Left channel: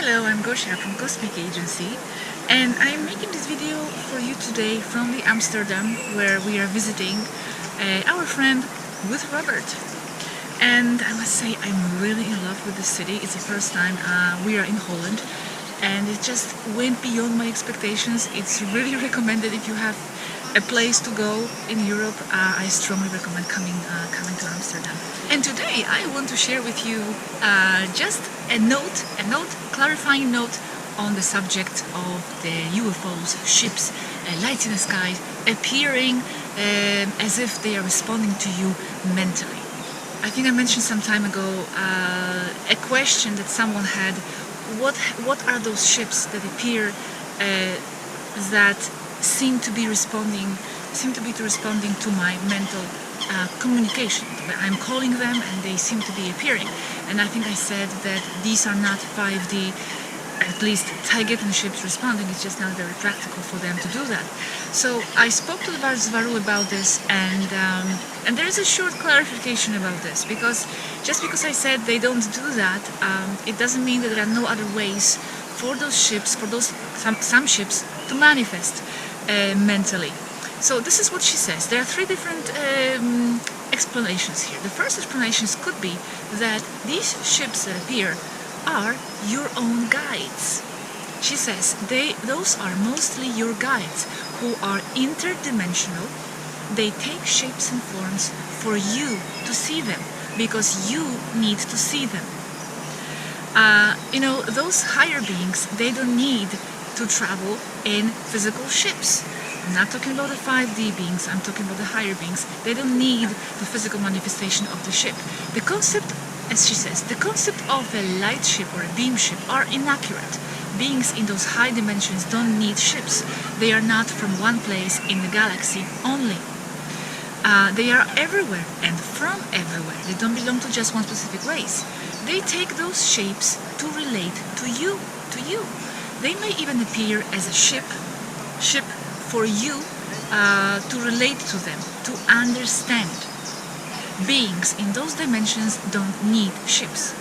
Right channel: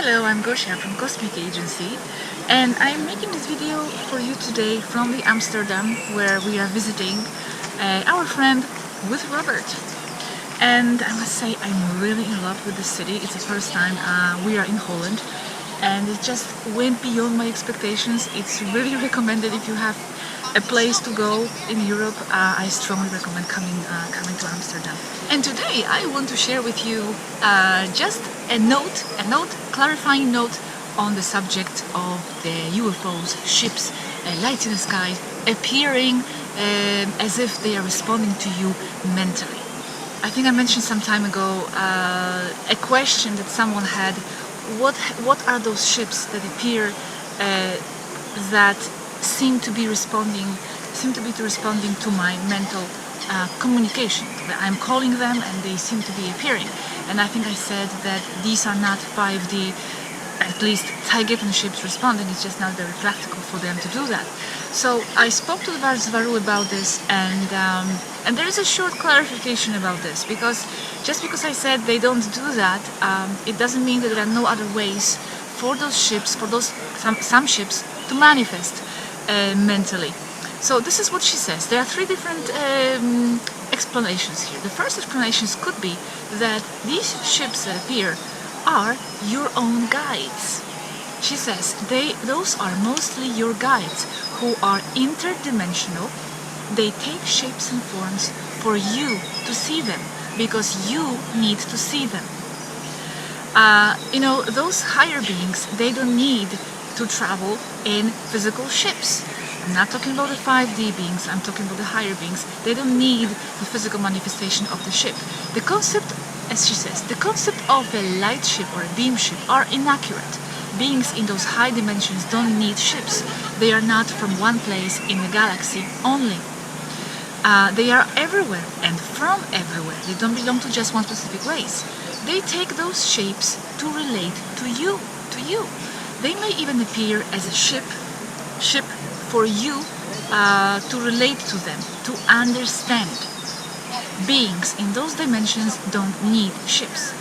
Hello, I'm Gosia from Cosmic Agency, and I'm making this video for you today from the Amsterdam, where we are visiting our friend with Robert. And I must say, I'm really in love with the city. It's the first time we are in Holland, and it just went beyond my expectations. It's really recommended if you have a place to go in Europe. I strongly recommend coming to Amsterdam. And today I want to share with you just a clarifying note on the subject of the UFOs, ships, lights in the sky, appearing as if they are responding to you mentally. I think I mentioned some time ago a question that someone had: what are those ships that appear that seem to be responding to my mental communication? I'm calling them and they seem to be appearing. And I think I said that these are not 5D, at least Taygeta ships responding. It's just not very practical for them to do that. So I spoke to the Swaruu about this, and there is a short clarification about this, because just because I said they don't do that, it doesn't mean that there are no other ways for those ships, some ships, to manifest mentally. So this is what she says. There are three different explanations here. The first explanations could be that these ships that appear are your own guides. She says those are mostly your guides who are interdimensional. They take shapes and forms for you to see them, because you need to see them. Those higher beings, they don't need to travel in physical ships. I'm not talking about the 5D beings, I'm talking about the higher beings. They don't need the physical manifestation of the ship. The concept, as she says, the concept of a light ship or a beam ship are inaccurate. Beings in those high dimensions don't need ships. They are not from one place in the galaxy only. They are everywhere and from everywhere. They don't belong to just one specific race. They take those shapes to relate to you. They may even appear as a ship for you to relate to them, to understand. Beings in those dimensions don't need ships.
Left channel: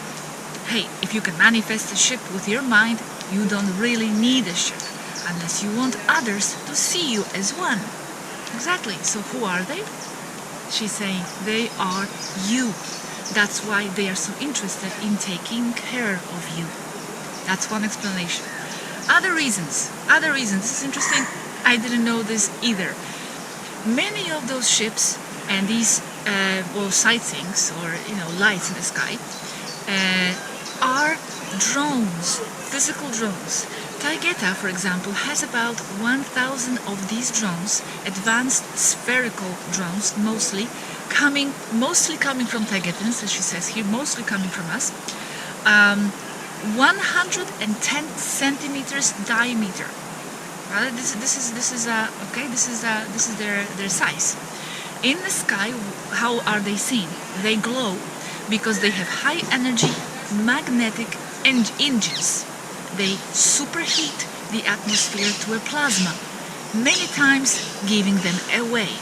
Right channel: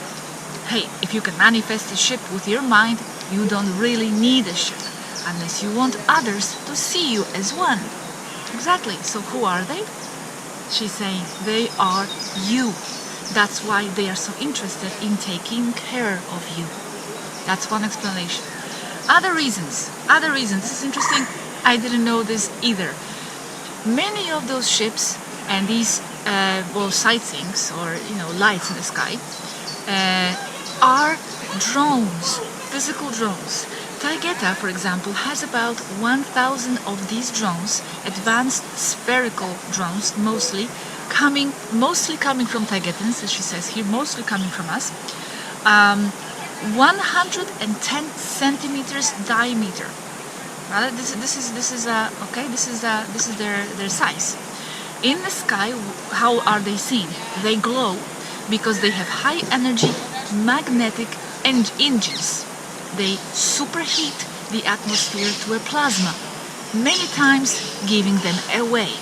Hey, if you can manifest a ship with your mind, you don't really need a ship, unless you want others to see you as one. Exactly. So who are they? She's saying they are you. That's why they are so interested in taking care of you. That's one explanation. Other reasons. This is interesting. I didn't know this either. Many of those ships and these sightings, or lights in the sky, are drones, physical drones. Taygeta, for example, has about 1,000 of these drones, advanced spherical drones, mostly coming from Taygetans, as she says here, mostly coming from us. 110 centimeters diameter. This is their size. In the sky, how are they seen? They glow because they have high energy magnetic engines. They superheat the atmosphere to a plasma, many times giving them away.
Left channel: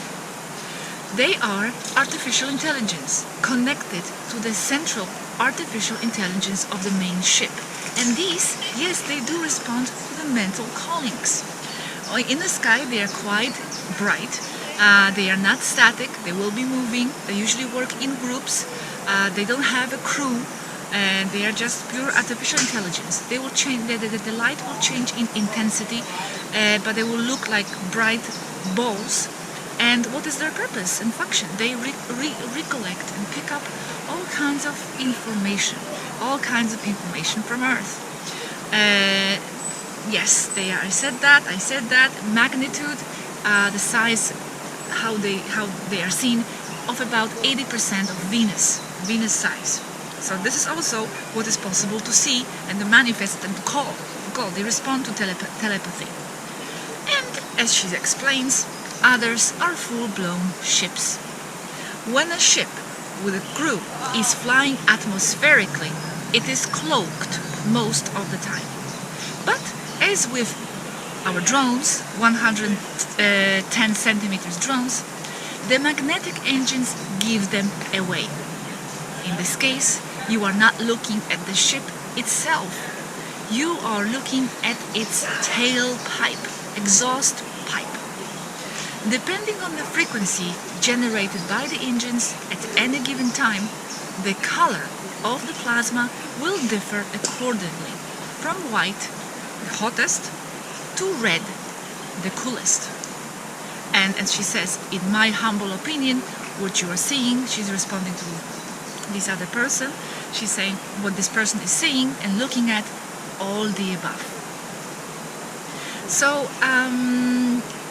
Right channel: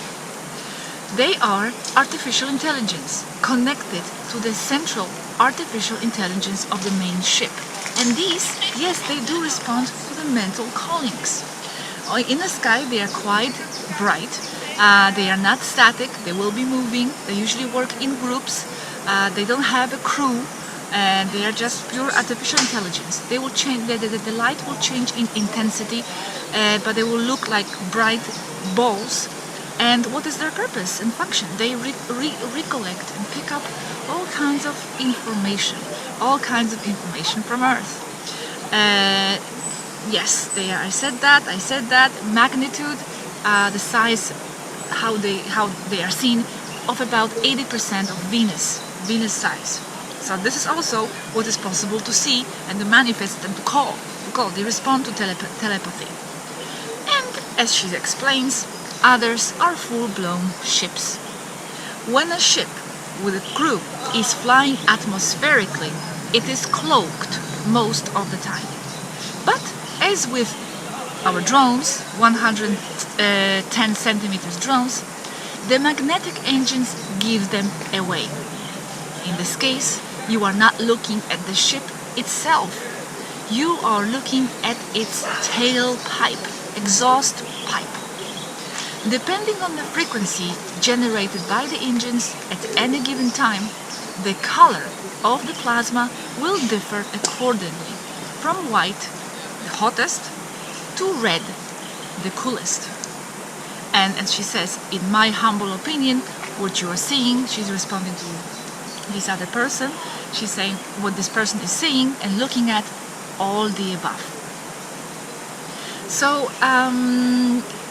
They are artificial intelligence connected to the central artificial intelligence of the main ship. And these, yes, they do respond to the mental callings. In the sky, they are quite bright. They are not static. They will be moving. They usually work in groups. They don't have a crew. And they are just pure artificial intelligence. They will change. The light will change in intensity, but they will look like bright balls. And what is their purpose and function? They recollect and pick up all kinds of information from Earth. Yes, they are. I said that. Magnitude, the size, how they are seen, of about 80% of Venus size. So this is also what is possible to see and to manifest and to call. They respond to telepathy. And as she explains, others are full-blown ships. When a ship with a crew is flying atmospherically, it is cloaked most of the time. But as with our drones, 110 centimeters drones, the magnetic engines give them away. In this case, you are not looking at the ship itself. you are looking at its tailpipe, exhaust pipe. Depending on the frequency generated by the engines at any given time, the color of the plasma will differ accordingly, from white, the hottest, to red, the coolest. And as she says, in my humble opinion, what you are seeing, she's responding to this other person, she's saying what this person is seeing and looking at, all the above. So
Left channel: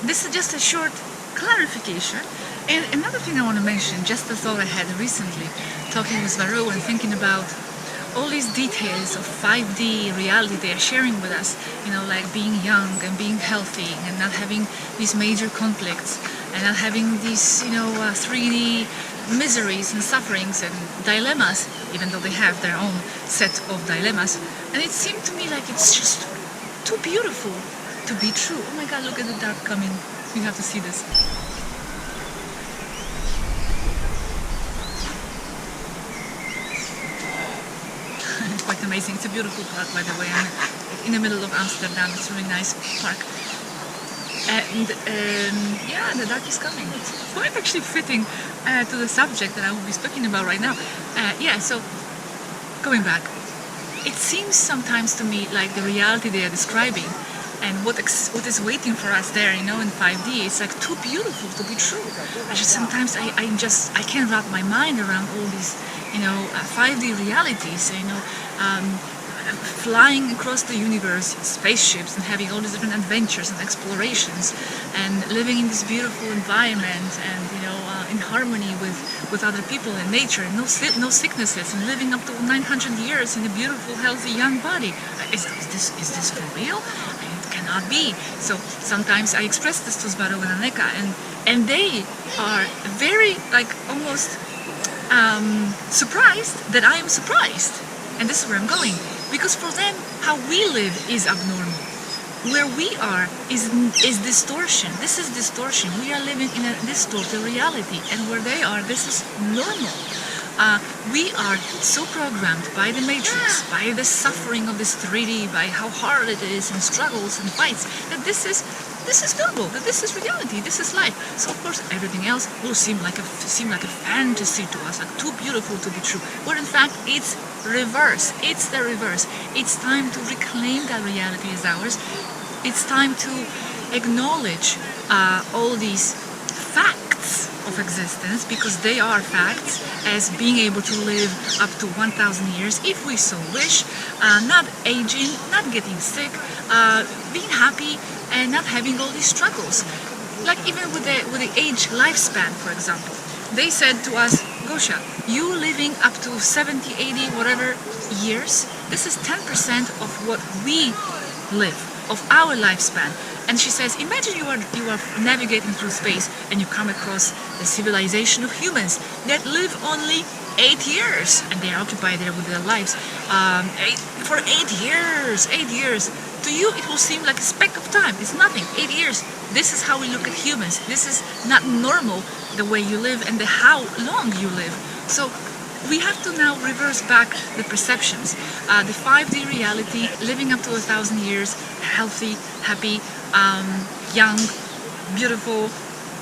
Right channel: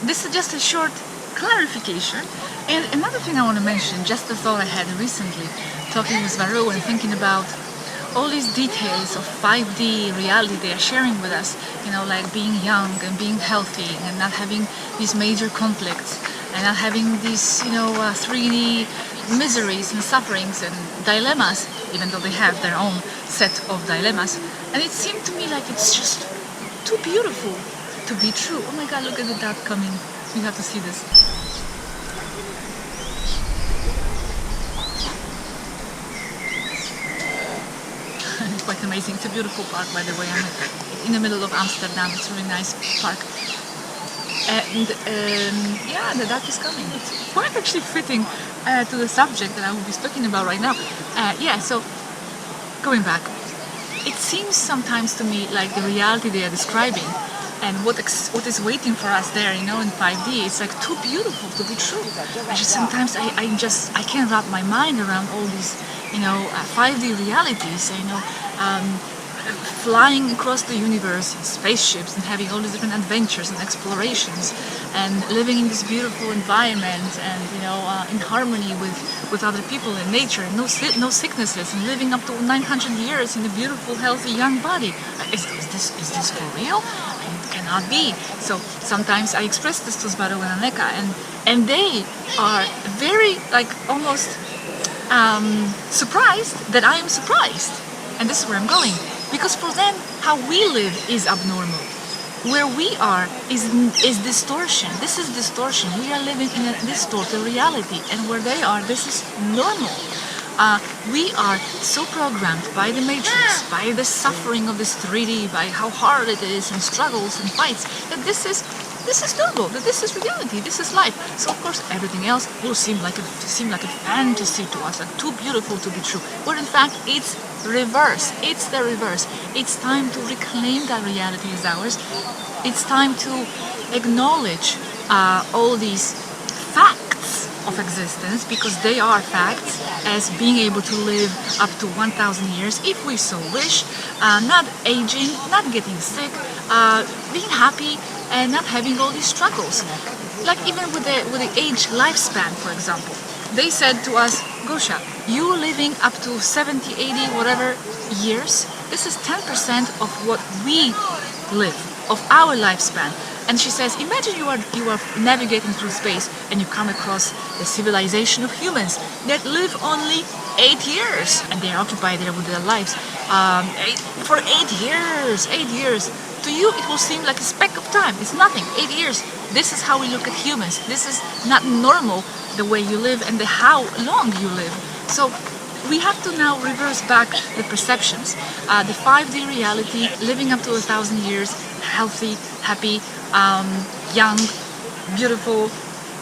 this is just a short clarification. And another thing I want to mention, just a thought I had recently talking with Swaruu and thinking about all these details of 5D reality they are sharing with us, you know, like being young and being healthy and not having these major conflicts and not having these, you know, 3D miseries and sufferings and dilemmas, even though they have their own set of dilemmas. And it seemed to me like it's just too beautiful to be true. Oh my God, look at the dark coming. You have to see this. Quite amazing. It's a beautiful park, by the way. I'm in the middle of Amsterdam. It's a really nice park. And yeah, the dark is coming. Quite actually fitting to the subject that I will be speaking about right now. Yeah, so going back, it seems sometimes to me like the reality they are describing and what is waiting for us there, you know, in 5D, it's like too beautiful to be true. Sometimes I can't wrap my mind around all these, you know, 5D realities, you know, flying across the universe in spaceships and having all these different adventures and explorations and living in this beautiful environment and, you know, in harmony with other people and nature and no sicknesses and living up to 900 years in a beautiful, healthy, young body. Is this for real? It cannot be. So sometimes I express this to Swaruu and Aneka and they are very, like, almost surprised that I am surprised. And this is where I'm going. Because for them, how we live is abnormal. Where we are is distortion. This is distortion. We are living in a distorted reality. And where they are, this is normal. We are so programmed by the matrix, by the suffering of this 3D, by how hard it is and struggles and fights, that this is normal, that this is reality, this is life. So of course everything else will seem like a fantasy to us, like too beautiful to be true. Where in fact it's reverse. It's the reverse. It's time to reclaim that reality as ours. It's time to acknowledge all these facts of existence, because they are facts, as being able to live up to 1,000 years if we so wish, not aging, not getting sick, being happy and not having all these struggles. Like even with the age lifespan, for example, they said to us, Gosha, you living up to 70, 80, whatever years, this is 10% of what we live, of our lifespan. And she says, imagine you are navigating through space and you come across the civilization of humans that live only 8 years, and they are occupied there with their lives for 8 years. 8 years. To you, it will seem like a speck of time. It's nothing. 8 years. This is how we look at humans. This is not normal, the way you live and how long you live. So we have to now reverse back the perceptions. The 5D reality, living up to 1,000 years, healthy, happy, young, beautiful.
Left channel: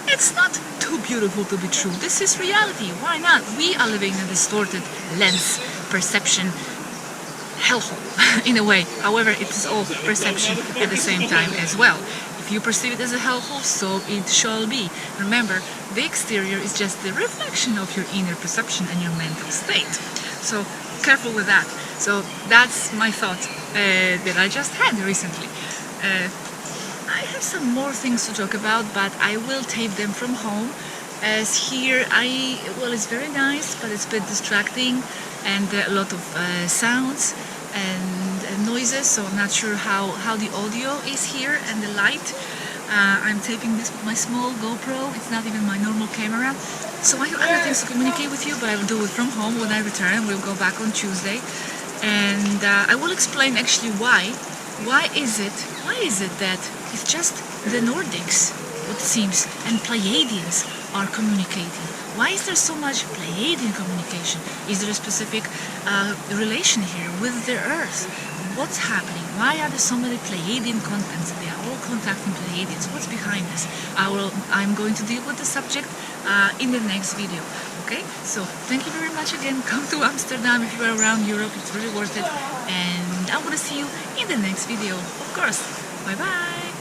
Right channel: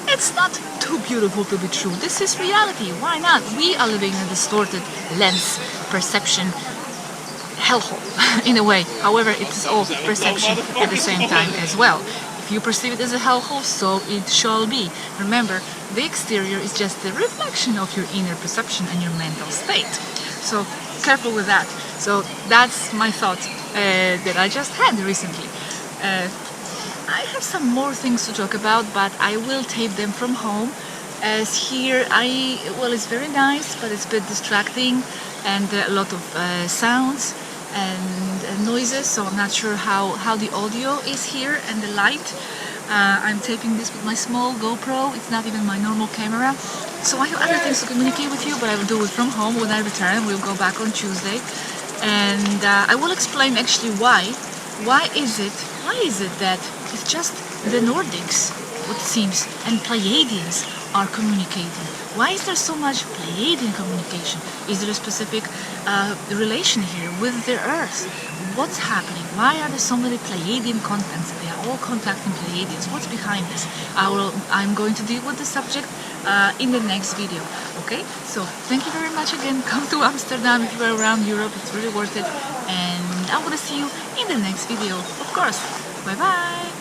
It's not too beautiful to be true. This is reality. Why not? We are living in a distorted lens perception hellhole in a way. However, it is all perception at the same time as well. If you perceive it as a hellhole, so it shall be. Remember, the exterior is just the reflection of your inner perception and your mental state. So careful with that. So that's my thought that I just had recently. I have some more things to talk about, but I will tape them from home. As here, it's very nice, but it's a bit distracting and a lot of sounds and noises, so I'm not sure how the audio is here and the light. I'm taping this with my small GoPro. It's not even my normal camera. So I have other things to communicate with you, but I will do it from home when I return. We'll go back on Tuesday. And I will explain actually why. Why is it that it's just the Nordics, what it seems, and Pleiadians are communicating? Why is there so much Pleiadian communication? Is there a specific relation here with the Earth? What's happening? Why are there so many Pleiadian contacts? They are all contacting Pleiadians. What's behind this? I'm going to deal with the subject in the next video. Okay, so thank you very much again. Come to Amsterdam if you are around Europe. It's really worth it. And I'm gonna see you in the next video, of course. Bye bye.